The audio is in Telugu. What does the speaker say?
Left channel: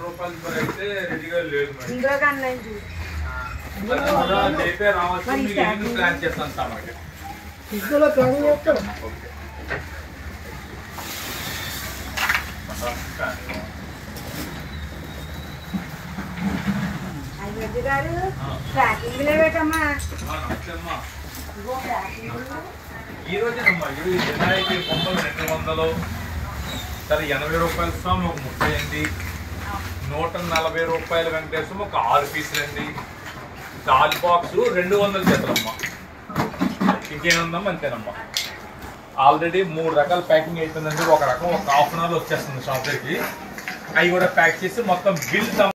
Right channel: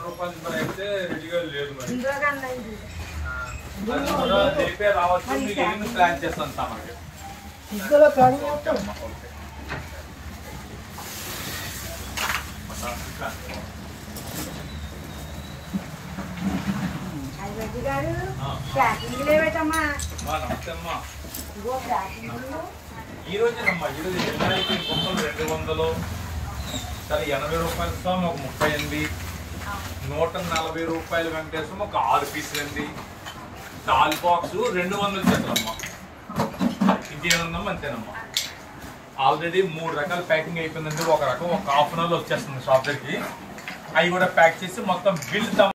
రూపాయలు అయితే రెడీగా లేదు మరి రావచ్చు ప్లాన్ చేస్తాను మనకి ఈ రోజేనమ్మా వినాయకుడి బొమ్మలు 200 సరే 80 రూపాయల స్వామి ఒక 38 140 రూపాయల వెంకటేశ్వరం ఒక 6 పీసులు అండి డాల్ బాక్స్ 200 జతలమ్మా ఇంకేముందమ్మా అంతేనమ్మా ఆల్రెడీ 3 రకాల ప్యాకింగ్ అయిపోయిందండి ఒక రకం ఒక హాఫ్ అన్ అవర్లో వచ్చేస్తుంది షాప్ దగ్గరికి అవి కూడా ప్యాక్ చేసి మొత్తం బిల్